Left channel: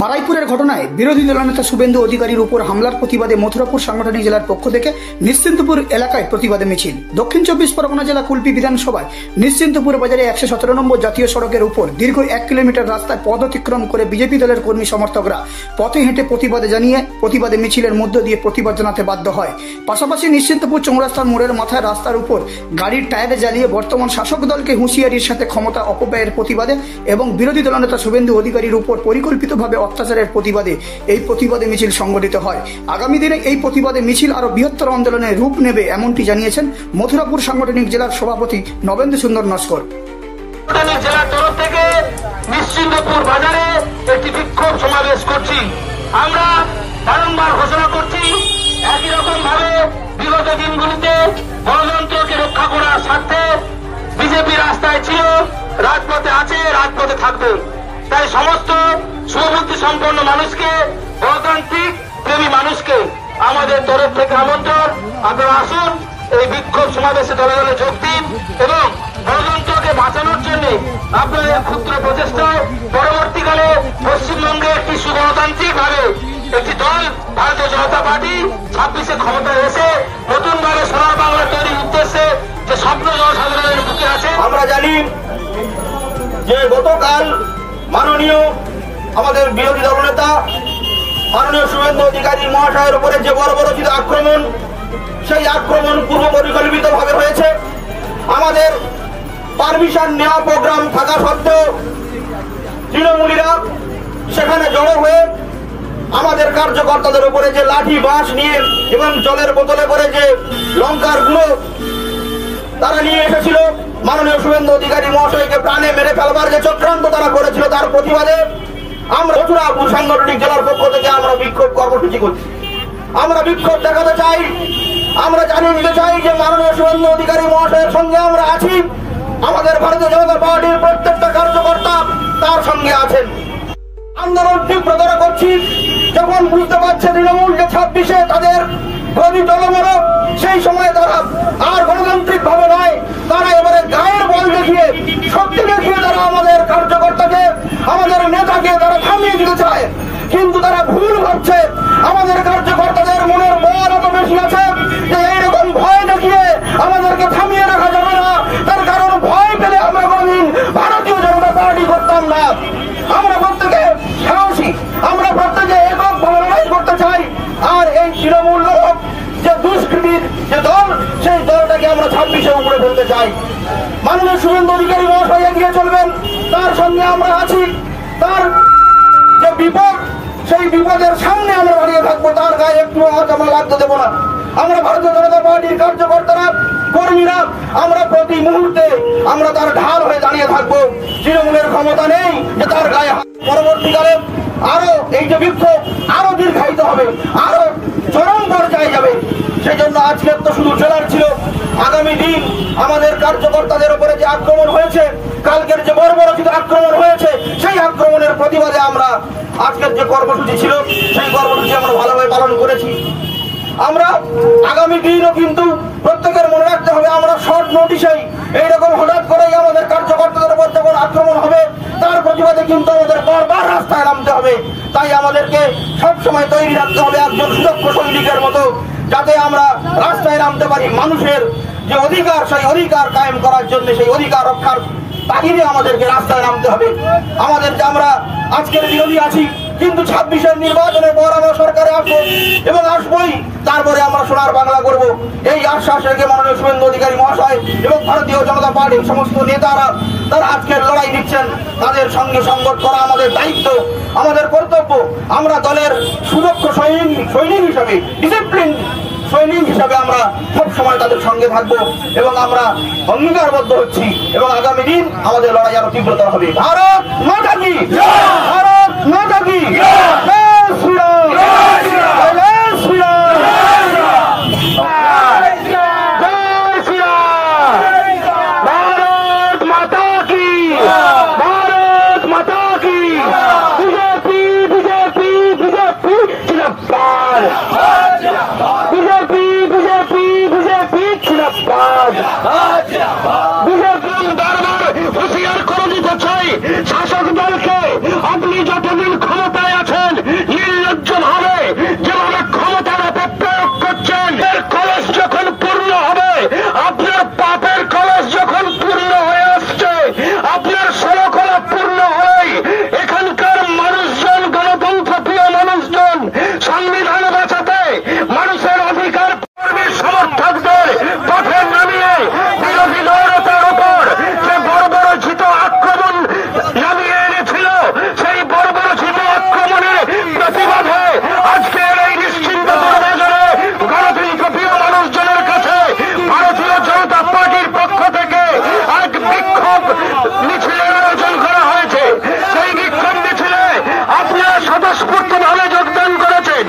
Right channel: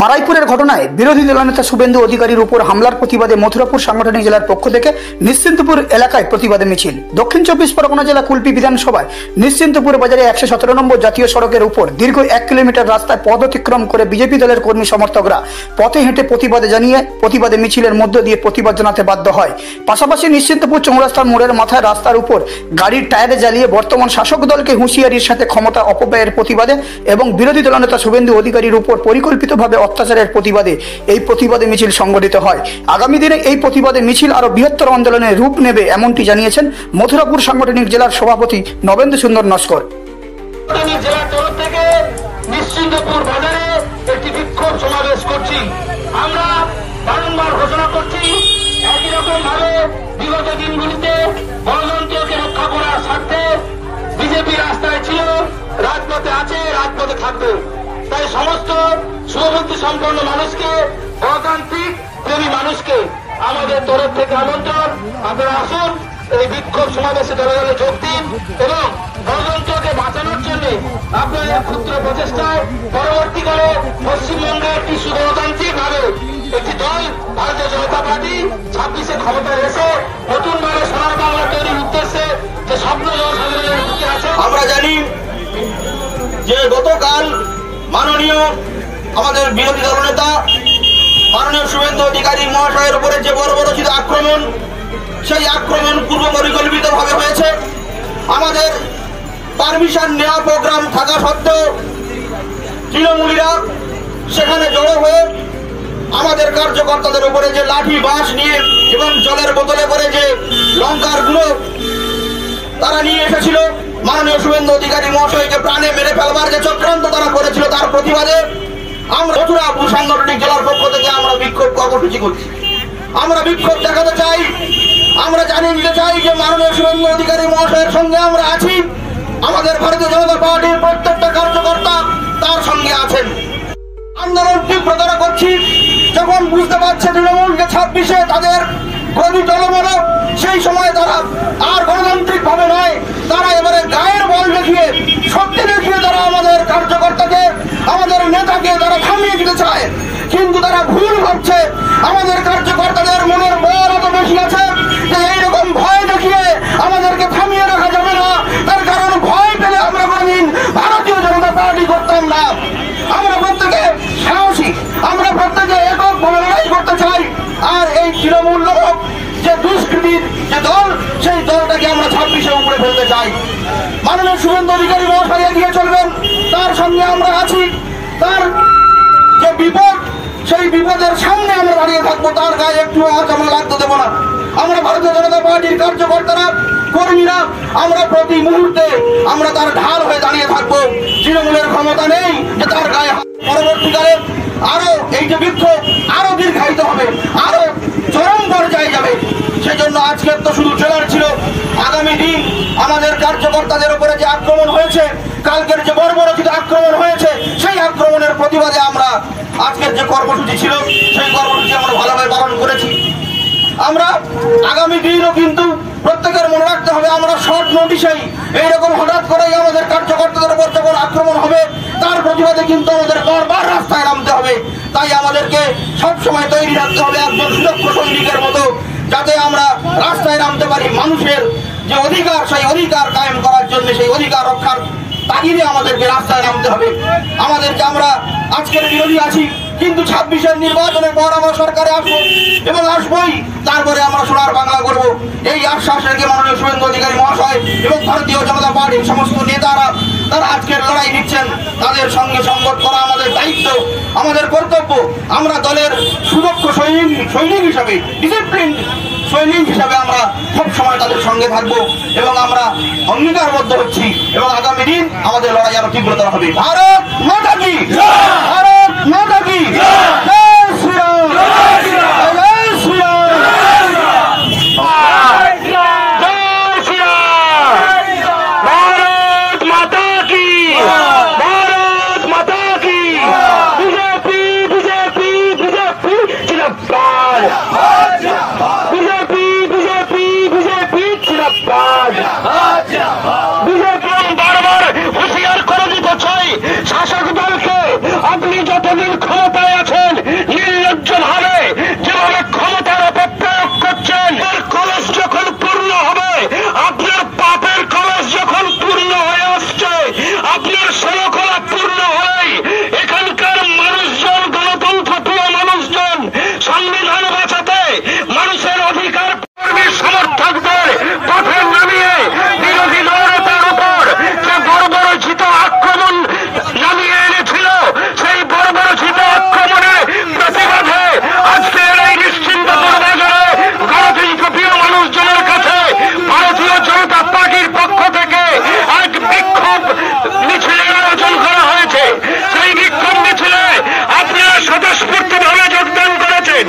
বারাইপুরের ঘটনায় বিরোধী দলনেতা শুভেন্দু অধিকারীর উপর হামলার প্রতিবাদে মথুরাপুর সাংগঠনিক জেলার পক্ষ থেকে নিশ্চিন্তপুর এলাকায় প্রতিবাদে মিছিল। দক্ষিণ 24 পরগনা জেলা কুলপি বিধানসভায় নিশ্চিন্তপুর বাজারে 117 নম্বর জাতীয় সড়কের উপর দীর্ঘ 1 কিলোমিটার রাস্তায় পথ অতিক্রম করে বিজেপি দলের কর্মী সমর্থকরা পথে হেঁটে প্রতিবাদে মিছিলের মধ্য দিয়ে প্রতিবাদ জানাতে বাধ্য হয়। পাশাপাশি নিশ্চিন্তপুর চৌরাস্তার মোড়ের মাথায় রাস্তার উপর গাড়ির টায়ারে জ্বালিয়ে বর্তমান শাসক দলকে হুঁশিয়ারির সাথে ক্ষমতা অপব্যয়ের প্রতিবাদে এবং বিরোধী দলনেতা শুভেন্দু অধিকারীর উপর পরিকল্পিতভাবে অত্যাচারের প্রতিবাদে এই প্রতিবাদে মিছিল সংগঠিত হয়। আগামী দিনে এই প্রতিবাদে মিছিল আরো বৃহত্তর আন্দোলনের রূপ নেবে এমনটি জানিয়েছেন মথুরাপুর সাংগঠনিক জেলার সভাপতি নবেন্দু সুন্দর নস্কর। জেলার তরফ থেকে নিশ্চিন্তপুর বাজারে একটি বিক্ষোভ সমাবেশ করছি। আমরা বারংবার ঘোষণা করছি, একই রকম ভাবে বিগত দিনগুলিতে গণতন্ত্রকে রক্ষা করার স্বার্থে বিজেপি রাস্তায় ছিল, রাজপথে আছে, রাজপথে থাকবে। তাই সমস্ত শুভবুদ্ধি সম্পন্ন মানুষকে, গণতান্ত্রিক প্রেমী মানুষকে আমাদের তরফ থেকে আমন্ত্রণ, আপনারা আসুন, এই বিক্ষোভ সমাবেশে দলে দলে যোগ দিন এবং গণতন্ত্রকে বাঁচানোর জন্য আপনাদের ক্ষুদ্র প্রচেষ্টায় পরবর্তীকালে পশ্চিমবঙ্গে একটি সুগণতান্ত্রিক ভাবে একটি দল ভারতীয় জনতা পার্টি 26-এ ক্ষমতায় এসে নতুনভাবে সোনার বাংলা তৈরির উদ্দেশ্যে যে স্বপ্ন জনসাধারণের বুকে আছে। আমরা জানি যে গতকাল মাননীয় আমাদের বিরোধী দলনেতা মাননীয় শুভেন্দু অধিকারী মহাশয়ের উপরে যে বর্বরোচিত আক্রমণ, সেই আক্রমণ পূর্ব পরিকল্পিত ভাবে হয়েছে। আমাদের পারমিশন নেওয়া প্রোগ্রাম থাকা সত্ত্বেও তৃণমূলীরা সেখানে জড়ো হয়ে আমাদের কার্যকর্তাদের উপরে যে লাঠি বাঁশ নিয়ে এবং জলের বোতলে করে যে লঙ্কার গুঁড়ো তারা নিয়ে এসেছিল, মাননীয় শুভেন্দু অধিকারী মহাশয়কে প্রাণে মেরে ফেলবার যে চক্রান্ত তারা করেছিল, তার প্রতিবাদে আমরা মথুরাপুর সাংগঠনিক জেলার পক্ষ থেকে আমরা বিক্ষোভ কর্মসূচি করছি। আমরা বিক্ষোভ দেখাতে চাই, আমরা জানিয়ে দিতে চাই যে মাননীয় শুভেন্দু অধিকারী মহাশয়ের সঙ্গে আমরা আছি। আমাদের ভারতীয় জনতা পার্টির প্রত্যেকটা কার্যকর্তা তার সঙ্গে আছেন। আন্দোলন তীব্রতর করছি। যখন বুঝতে পারছে তৃণমূল যে 26-এ তাদের গদি টলমল, সেই সময় তারা আর গণতান্ত্রিক ভাবে নয়, তারা এবারে গায়ের বল দেখিয়ে, শক্তি দেখিয়ে তারা আমাদের কার্যকর্তাকে, আমাদের নেতাকে তারা থামিয়ে দিতে চায়। কিন্তু তারা ভুল ভাবছে। আমাদের কার্যকর্তাদের মনের বল এত বেশি আছে যে এইরকম ভয় দেখিয়ে আমাদেরকে থামিয়ে রাখা যাবে না। তার কারণ ভয় পেলে আমরা কোনদিন ভারতীয় জনতা পার্টি করতাম না। আমরা প্রত্যেকে সাহসী, আমরা প্রত্যেকে এককভাবে লড়াই করতে চাই। আর এই তৃণমূল লোক যে দুষ্কৃতির যে দল, সেই দলটাকে আমরা 26-এ উপরে ফেলতে চাই। মাননীয় শুভেন্দু অধিকারী মহাশয় এগিয়ে চলবেন, তার সঙ্গে আমরা আছি। তার যে বিপদ, সেই বিপদের সামনে আমরা দাঁড়িয়ে থাকবো, তার গায়ে একটু আজ আমরা লাগতে দেবো না। আমরা ভারতীয় জনতা পার্টির কার্যকর্তারা, কর্মীরা, আমরা প্রতি মুহূর্তে আমরা তার ঢাল হয়ে দাঁড়িয়ে থাকবো। তৃণমূলের ক্ষমতা নেই যে তার গায়ে। পরবর্তীকালে আরো এই যে বিক্ষোভ আরো দীর্ঘায়িত হবে, আরো চরম পর্যায়ে যাবে। সেই জন্য আজকের তো শুধু ট্রেলার ছিল। আগামী দিন আমাদের কার্যকর্তাদের উপরে যে আক্রমণ হয়েছে, কালকের যে বর্বরোচিত আক্রমণ হয়েছে, সেই আক্রমণের প্রতিবাদে আমরা আজকের যে কর্মসূচি ছিল, সেই কর্মসূচি আমরা ভালোভাবে পালন করেছি। আমরা আগামী দিনও কিন্তু প্রত্যেকের মনে রাখতে হবে, আমরা শর্ট নোটিশেই এইরকম হঠাৎ করেই আমাদের কার্যকর্তাদের উপর যখন আক্রমণ হবে, তার প্রতিবাদে কিন্তু আমাদের বারবার রাস্তায় নামতে হবে। তাই আমাদেরকে সবসময় তৈরি রাখতে হবে একজন সুদক্ষ সৈনিকের মতো, যাতে আমরা রাস্তায় নামতে পারি। মানুষের যে অধিকার, সেই অধিকার কায়েম করার জন্য, সেই অধিকার রক্ষার তাগিদে আমাদেরকে রাস্তায় নামতে হবে। আমাদের যে আমরা আজকের বিরোধী আছি, কিন্তু 26-এর নির্বাচনের পর আমরা সরকারে আসবো এবং আসবোই, তারপরে আমরা সোনার বাংলা করব। এই আশ্বাস রেখে মাননীয় শুভেন্দু অধিকারী মহাশয় এবং ভারতীয় জনতা পার্টির সমস্ত নেতারা তারা আজকের লড়াই দিচ্ছেন, তাদের সঙ্গে সংগত করা আমাদের দায়িত্ব, আমাদের কর্তব্য। আমরা দলের সুদক্ষ সৈনিক হিসাবে, ডিসিপ্লিন সৈনিক হিসাবে আমরা সব সময় তাদের সঙ্গে থাকবো এবং আমরা অঙ্গীকারবদ্ধ হচ্ছি এবং আগামী দিন আমাদের লড়াই আরো তীব্রতর হবে। ভারত মাতা কি, ভারত মাতা কি, জয় শ্রীরাম, জয় শ্রীরাম, ভারত মাতা কি, ভারত মাতা কি, বিজেপি বিজেপি বিজেপি জিন্দাবাদ, বিজেপি বিজেপি বিজেপি জিন্দাবাদ। বিজেপি বারবার হুঁশিয়ার করে দিতে চাই শাসক দলকে, আপনি যতদিন ক্ষমতায় আছেন ভাবে যোগদান করেছেন।